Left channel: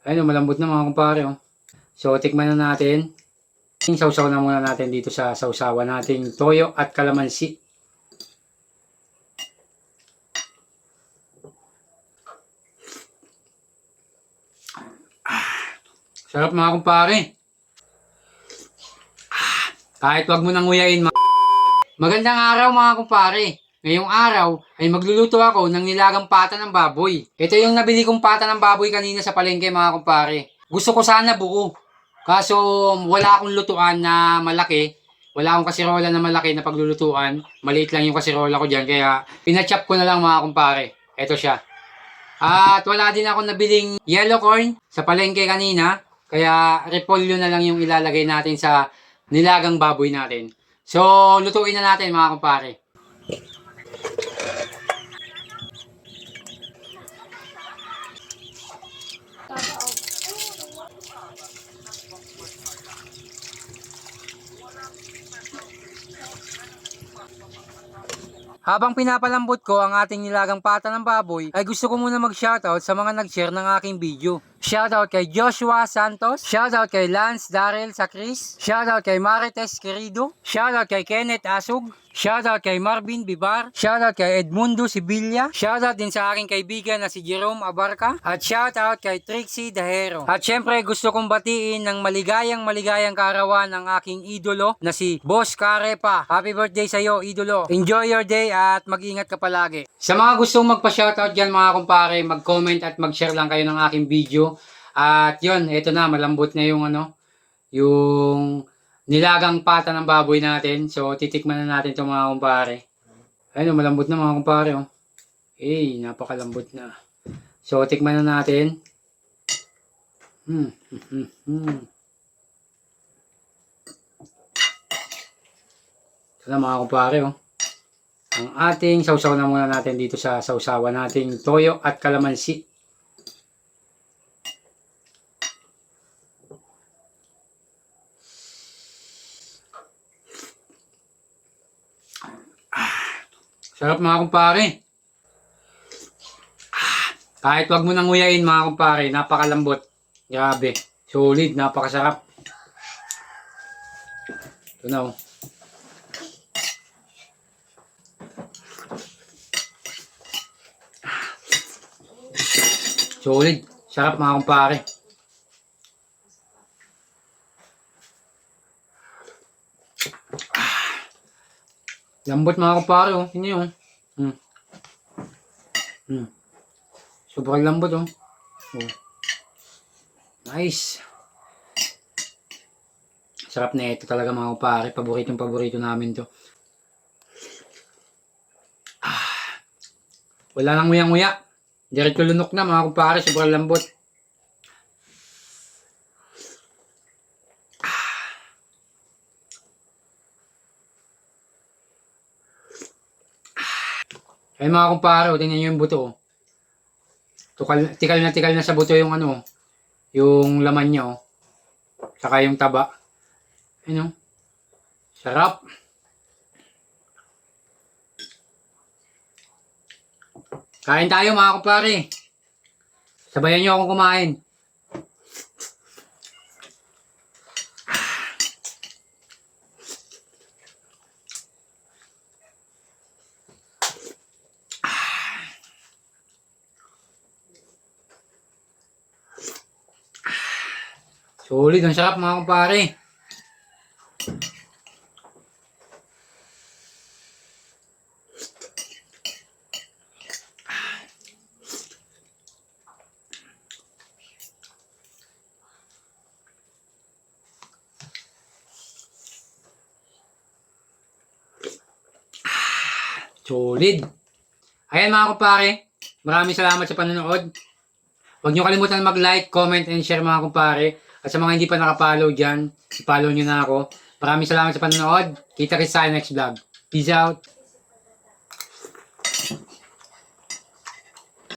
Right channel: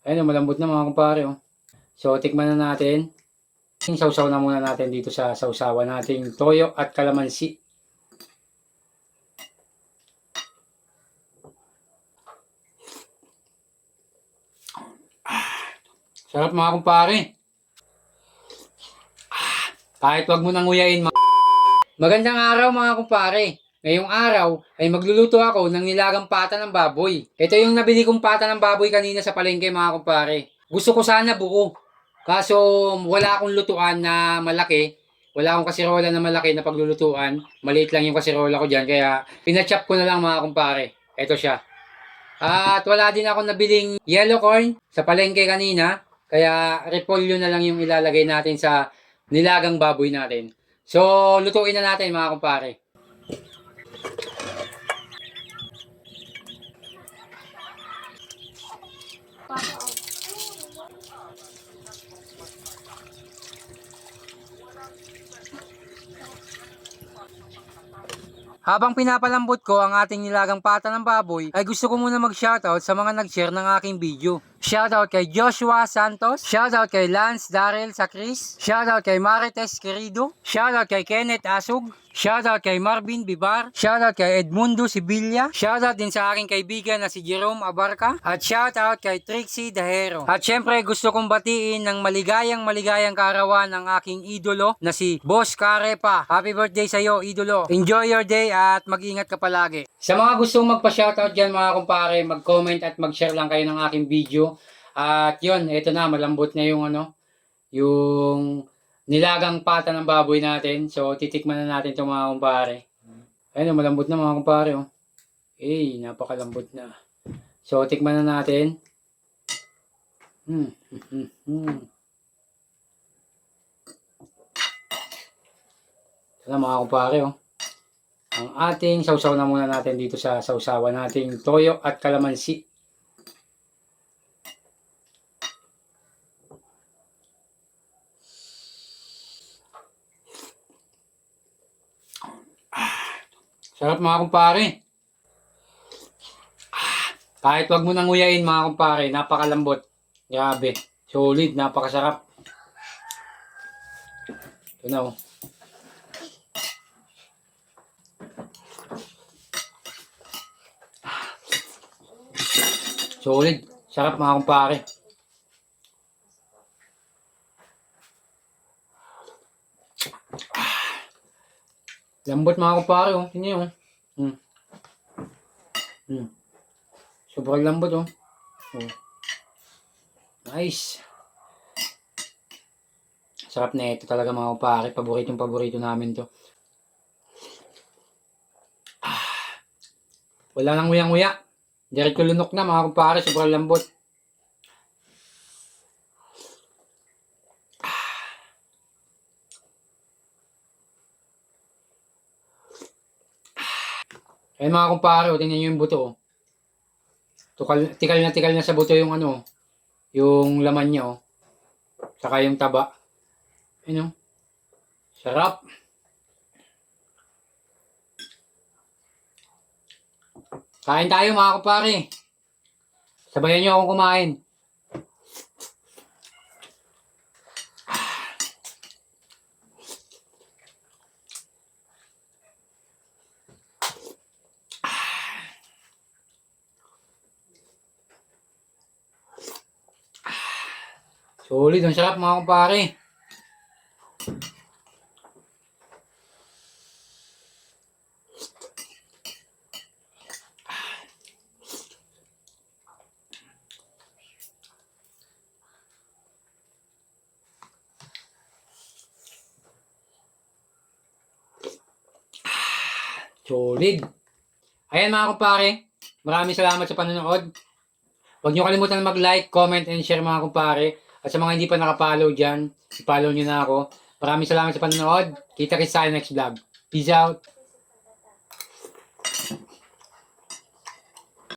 Ayun, malambot na mga kumpare. Oh. So, tikman na natin. Sausaw na muna natin dito sa sausawan nating toyo at kalamansi. Sarap mga kumpare. Kahit wag mo nang nguyain. Magandang araw mga kumpare. Ngayong araw ay magluluto ako ng nilagang pata ng baboy. Ito yung nabili kong pata ng baboy kanina sa palengke mga kumpare. Gusto ko sana buo. Kaso wala akong lutuan na malaki. Wala akong kasirola na malaki na paglulutuan. Maliit lang yung kasirola ko dyan. Kaya pinachop ko na lang mga kumpare. Ito siya. At wala din ako nabiling yellow corn sa palengke kanina. Kaya repolyo na lang yung ilalagay natin sa nilagang baboy natin. So, lutuin na natin mga kumpare. Habang pinapalambot ko ang ating nilagang pata ng baboy, ay gusto ko muna mag-shoutout sa mga nag-share ng aking video. Shoutout kay Joshua Santos, shoutout kay Lance Darrell Sacris, shoutout kay Marites Querido, shoutout kay Kenneth Asug, shoutout kay Marvin Bibar, shoutout kay Edmundo Sibilla, shoutout din sa aking kaibigan na si Jerome Abarca, at shoutout kay Trixie Dahero. At syempre gusto kong batiin ng maligayang kaarawan ng aking idolo na si Boss Carepa. Happy birthday sa iyo, idolo. Enjoy your day at mag-ingat ka palagi. Sa mga gustong magpa-shoutout dyan mga kumpare, mag-comment at mag-share lang kayo ng aking video. At yun, eto na, malambot na yung yung nilagang pata ng baboy natin. So, titikman na natin itong mga kumpare. Ayun, malambot na mga kumpare. Oh. Napakalambot na. So, tikman na natin. Ito na mga kumpare. Oh. Ang ating sausaw na muna natin dito sa sausawan nating toyo at kalamansi. Sarap mga kumpare. Kahit wag mo nang nguyain mga kumpare, napakalambot. Grabe. Solid, napakasarap. Ito na oh. Solid. Sarap mga kumpare. Lambot mga kumpare oh. Tingnan oh. Sobrang lambot oh. Nice. Sarap na ito talaga mga kumpare. Paborito namin to. Wala nang nguyang-nguya. Diretso lunok na mga kumpare. Sobrang lambot. Ayun mga kumpare, tingnan nyo yung buto. Tikal na sa buto yung yung laman niya. Saka yung taba. Ayun. Sarap. Kain tayo mga kumpare. Sabayan nyo akong kumain. Solid, ang sarap mga kumpare. Solid. Ayan mga kumpare, maraming salamat sa panonood. Huwag nyo kalimutan mag-like, comment, and share mga kumpare. At sa mga hindi pa nakapollow dyan, i-follow nyo na ako. Maraming salamat sa panonood. Kita kita sa next vlog. Peace out.